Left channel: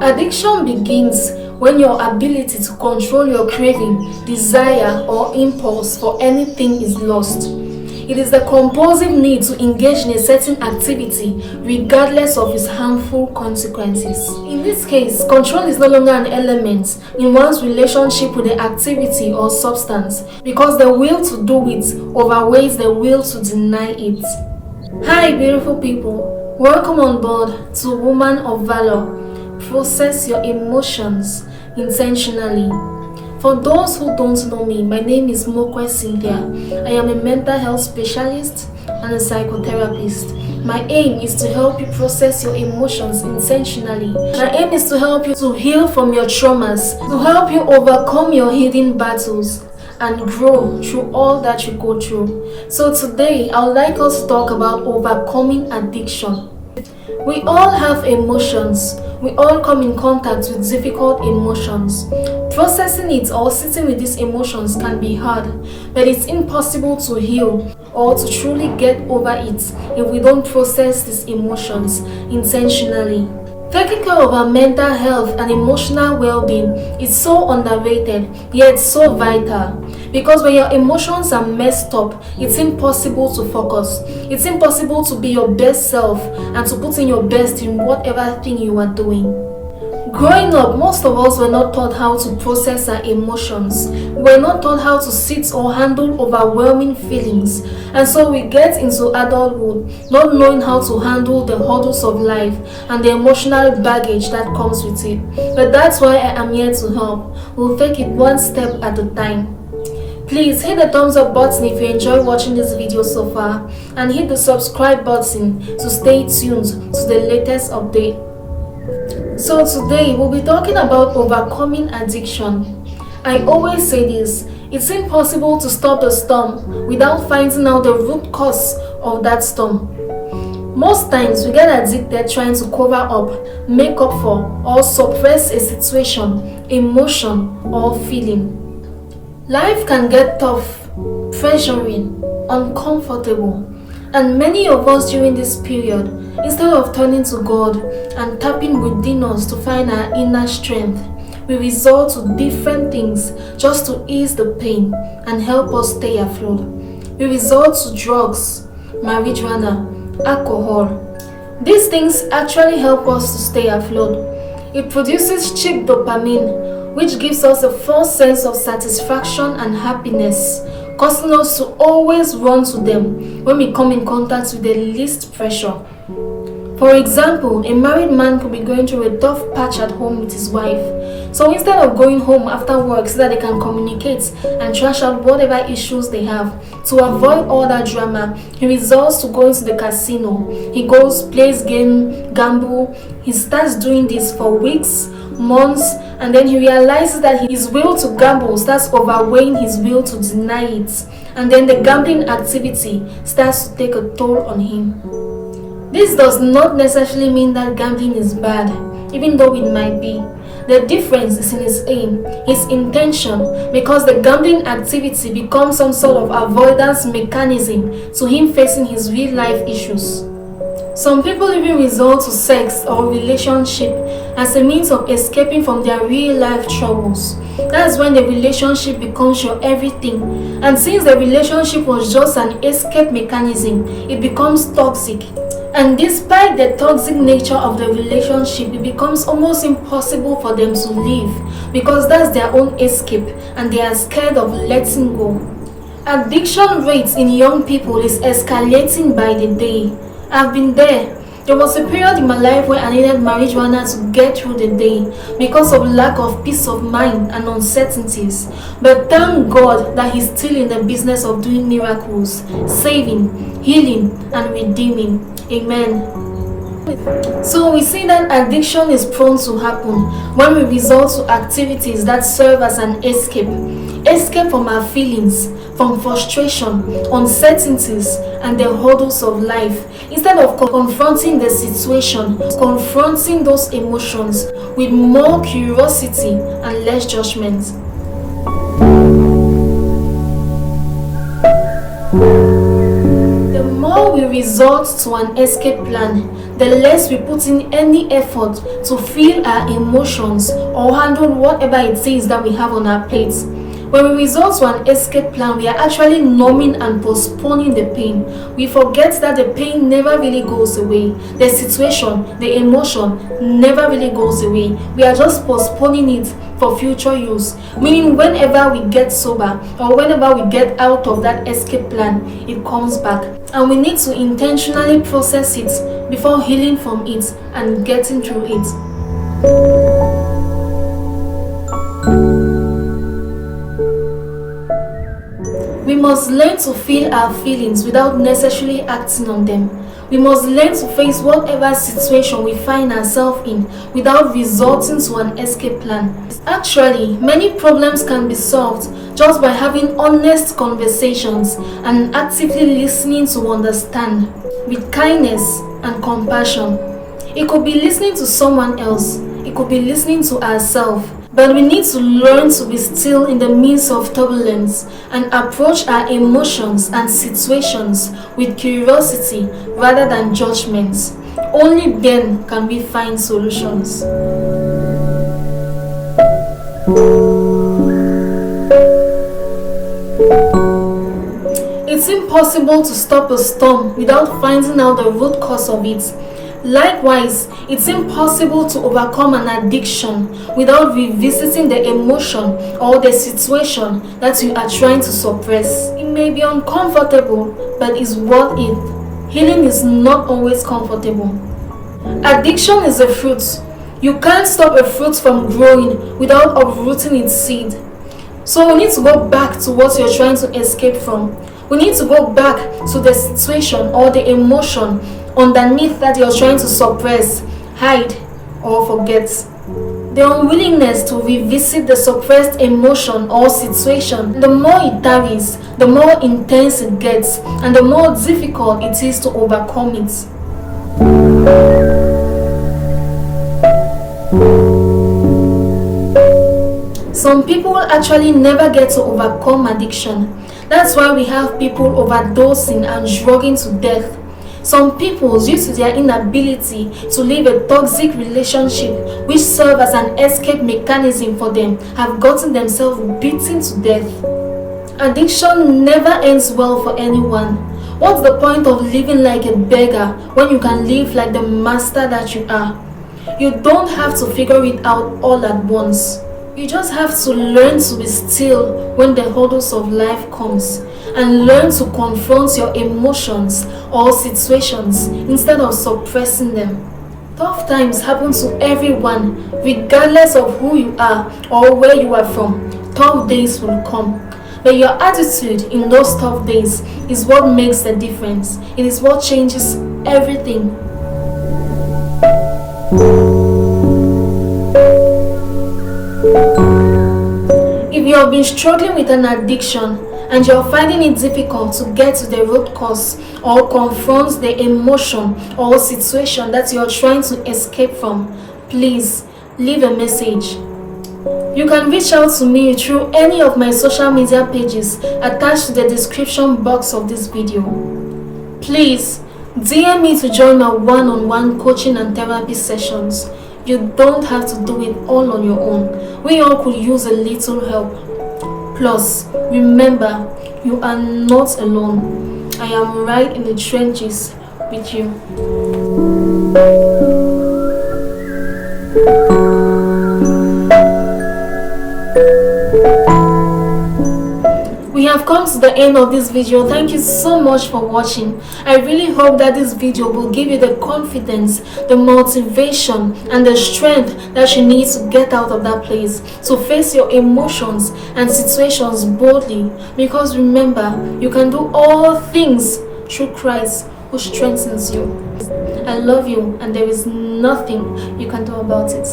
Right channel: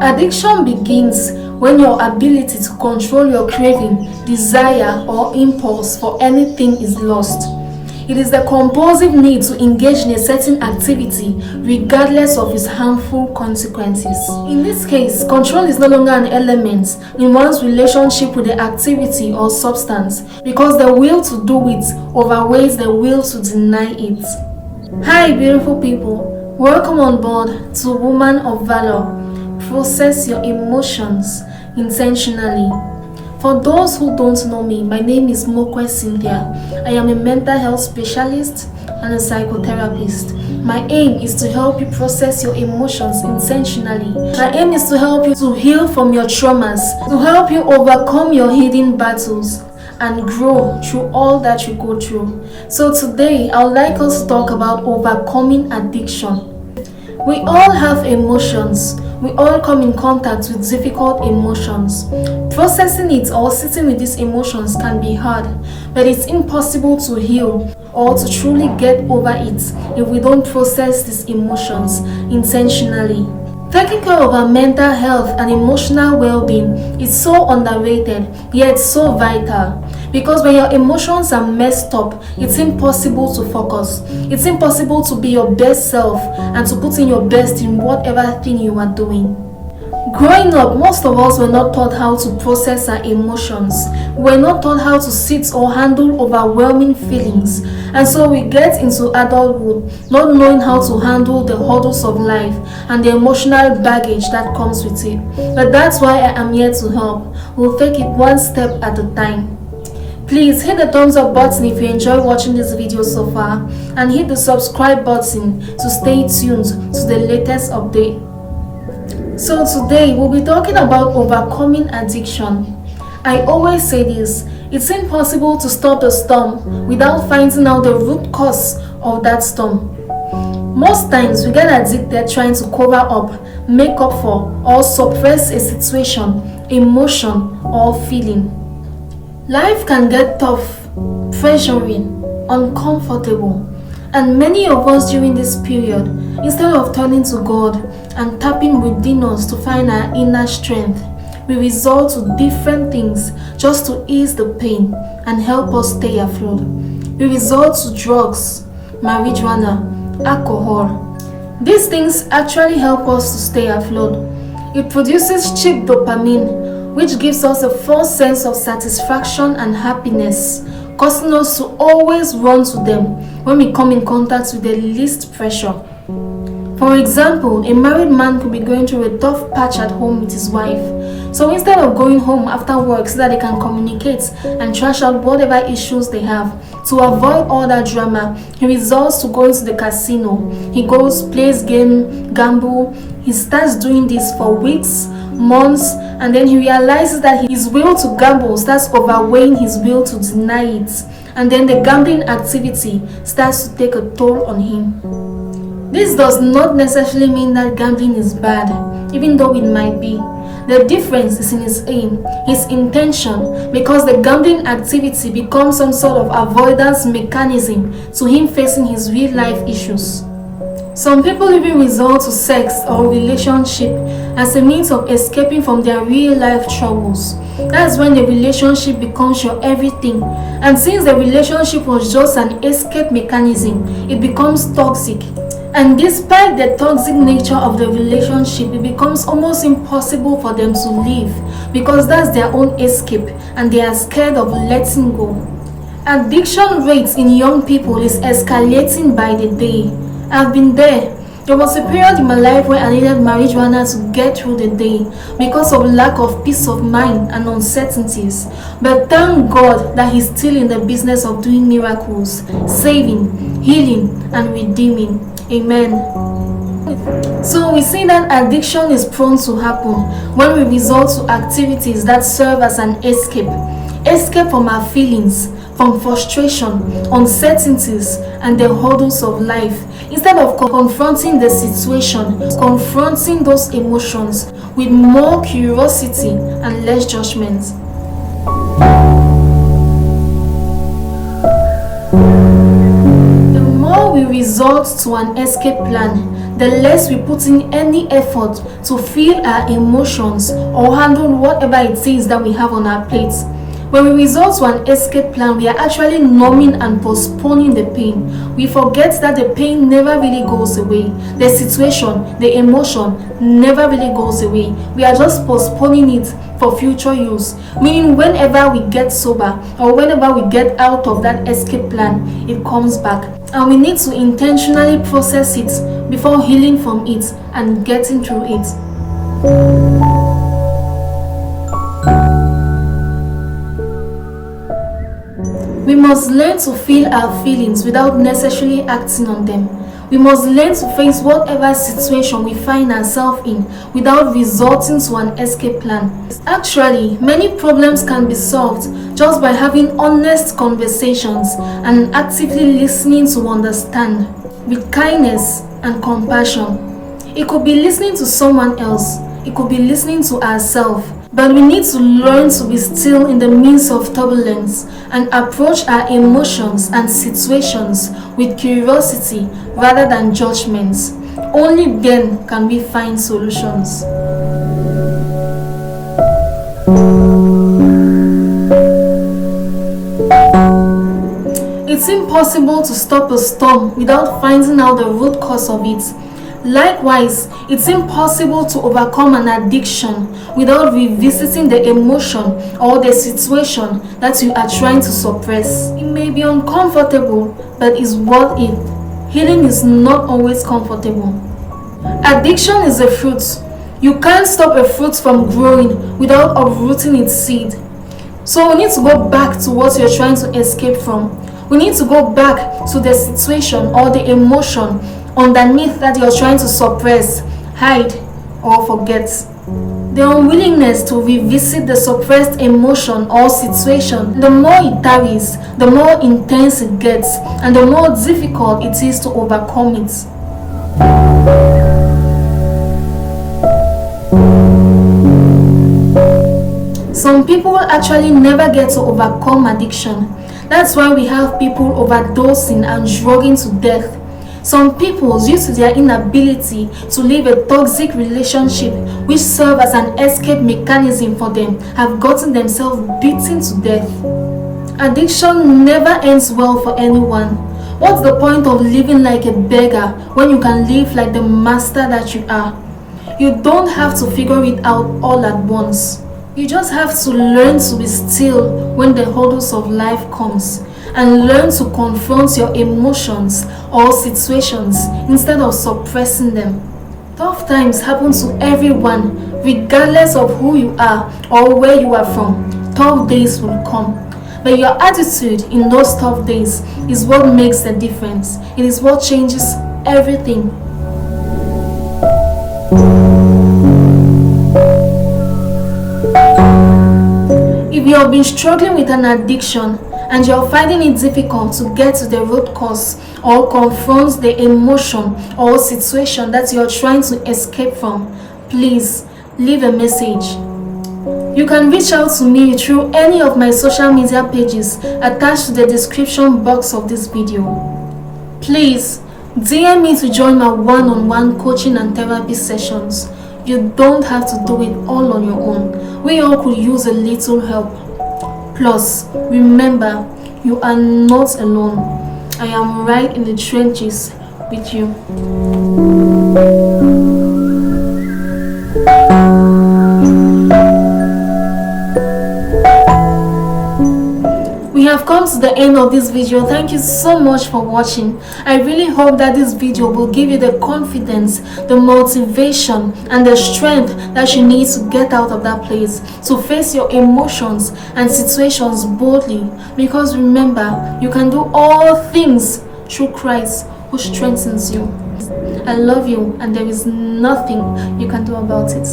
Addiction begins when your ability to control your craving, desire, or impulse for anything is lost. It is the compulsive need to engage in a certain activity regardless of its harmful consequences. In this case, control is no longer an element in one's relationship with the activity or substance because the will to do it outweighs the will to deny it. Hi beautiful people, welcome on board to Woman of Valor. Process your emotions intentionally. For those who don't know me, my name is Mokwe Cynthia. I am a mental health specialist and a psychotherapist. My aim is to help you process your emotions intentionally. My aim is to help you to heal from your traumas, to help you overcome your hidden battles, and grow through all that you go through. So today, I would like us to talk about overcoming addiction. We all have emotions. We all come in contact with difficult emotions. Processing it or sitting with these emotions can be hard, but it's impossible to heal or to truly get over it if we don't process these emotions intentionally. Taking care of our mental health and emotional well-being is so underrated, yet so vital. Because when your emotions are messed up, it's impossible to focus. It's impossible to be your best self and to put in your best in whatever thing you are doing. Growing up, most of us were not taught how to process our emotions. We were not taught how to sit or handle overwhelming feelings. And so we get into adulthood not knowing how to handle the hurdles of life and the emotional baggage that comes with it. But that's why I am here to help. We'll take it one step at a time. Please hit the thumbs up button if you enjoy watching this video so far, and hit the subscribe button to stay tuned to the latest update. So today we'll be talking about overcoming addiction. I always say this, it's impossible to stop the storm without finding out the root cause of that storm. Most times we get addicted trying to cover up, make up for, or suppress a situation, emotion, or feeling. Life can get tough, pressuring, uncomfortable, and many of us during this period, instead of turning to God and tapping within us to find our inner strength, we resort to different things just to ease the pain and help us stay afloat. We resort to drugs, marijuana, alcohol. These things actually help us to stay afloat. It produces cheap dopamine, which gives us a false sense of satisfaction and happiness, causing us to always run to them when we come in contact with the least pressure. For example, a married man could be going through a tough patch at home with his wife. So instead of going home after work so that they can communicate and trash out whatever issues they have, to avoid all that drama, he resorts to going to the casino. He goes, plays game, gamble. He starts doing this for weeks, months, and then he realizes that his will to gamble starts overweighing his will to deny it, and then the gambling activity starts to take a toll on him. This does not necessarily mean that gambling is bad, even though it might be. The difference is in his aim, his intention, because the gambling activity becomes some sort of avoidance mechanism to him facing his real life issues. Some people even resort to sex or relationship as a means of escaping from their real life troubles. That's when the relationship becomes your everything. And since the relationship was just an escape mechanism, it becomes toxic. And despite the toxic nature of the relationship, it becomes almost impossible for them to leave because that's their own escape and they are scared of letting go. Addiction rates in young people is escalating by the day. I've been there. There was a period in my life where I needed marijuana to get through the day because of lack of peace of mind and uncertainties. But thank God that He's still in the business of doing miracles, saving, healing, and redeeming. Amen. So we see that addiction is prone to happen when we resort to activities that serve as an escape. Escape from our feelings, from frustration, uncertainties, and the hurdles of life, instead of confronting the situation, confronting those emotions with more curiosity and less judgment. The more we resort to an escape plan, the less we put in any effort to feel our emotions or handle whatever it is that we have on our plates. When we resort to an escape plan, we are actually numbing and postponing the pain. We forget that the pain never really goes away. The situation, the emotion never really goes away. We are just postponing it for future use. Meaning whenever we get sober or whenever we get out of that escape plan, it comes back. And we need to intentionally process it before healing from it and getting through it. We must learn to feel our feelings without necessarily acting on them. We must learn to face whatever situation we find ourselves in without resorting to an escape plan. Actually, many problems can be solved just by having honest conversations and actively listening to understand with kindness and compassion. It could be listening to someone else, it could be listening to ourselves. But we need to learn to be still in the midst of turbulence and approach our emotions and situations with curiosity rather than judgments. Only then can we find solutions. It's impossible to stop a storm without finding out the root cause of it. Likewise, it's impossible to overcome an addiction without revisiting the emotion or the situation that you are trying to suppress. It may be uncomfortable, but it's worth it. Healing is not always comfortable. Addiction is a fruit. You can't stop a fruit from growing without uprooting its seed. So we need to go back to what you're trying to escape from. We need to go back to the situation or the emotion underneath that you're trying to suppress, hide, or forget. The unwillingness to revisit the suppressed emotion or situation, the more it tarries, the more intense it gets, and the more difficult it is to overcome it. Some people actually never get to overcome addiction. That's why we have people overdosing and drugging to death. Some people, due to their inability to leave a toxic relationship which serves as an escape mechanism for them, have gotten themselves beaten to death. Addiction never ends well for anyone. What's the point of living like a beggar when you can live like the master that you are? You don't have to figure it out all at once. You just have to learn to be still when the hurdles of life comes, and learn to confront your emotions or situations instead of suppressing them. Tough times happen to everyone, regardless of who you are or where you are from. Tough days will come. But your attitude in those tough days is what makes the difference. It is what changes everything. If you have been struggling with an addiction and you're finding it difficult to get to the root cause or confront the emotion or situation that you're trying to escape from, please leave a message. You can reach out to me through any of my social media pages attached to the description box of this video. Please DM me to join my one-on-one coaching and therapy sessions. You don't have to do it all on your own. We all could use a little help. Plus, remember, you are not alone. I am right in the trenches with you. We have come to the end of this video. Thank you so much for watching. I really hope that this video will give you the confidence, the motivation, and the strength that you need to get out of that place, to face your emotions and situations boldly. Because remember, you can do all things through Christ who strengthens you. I love you, and there is nothing you can do about it.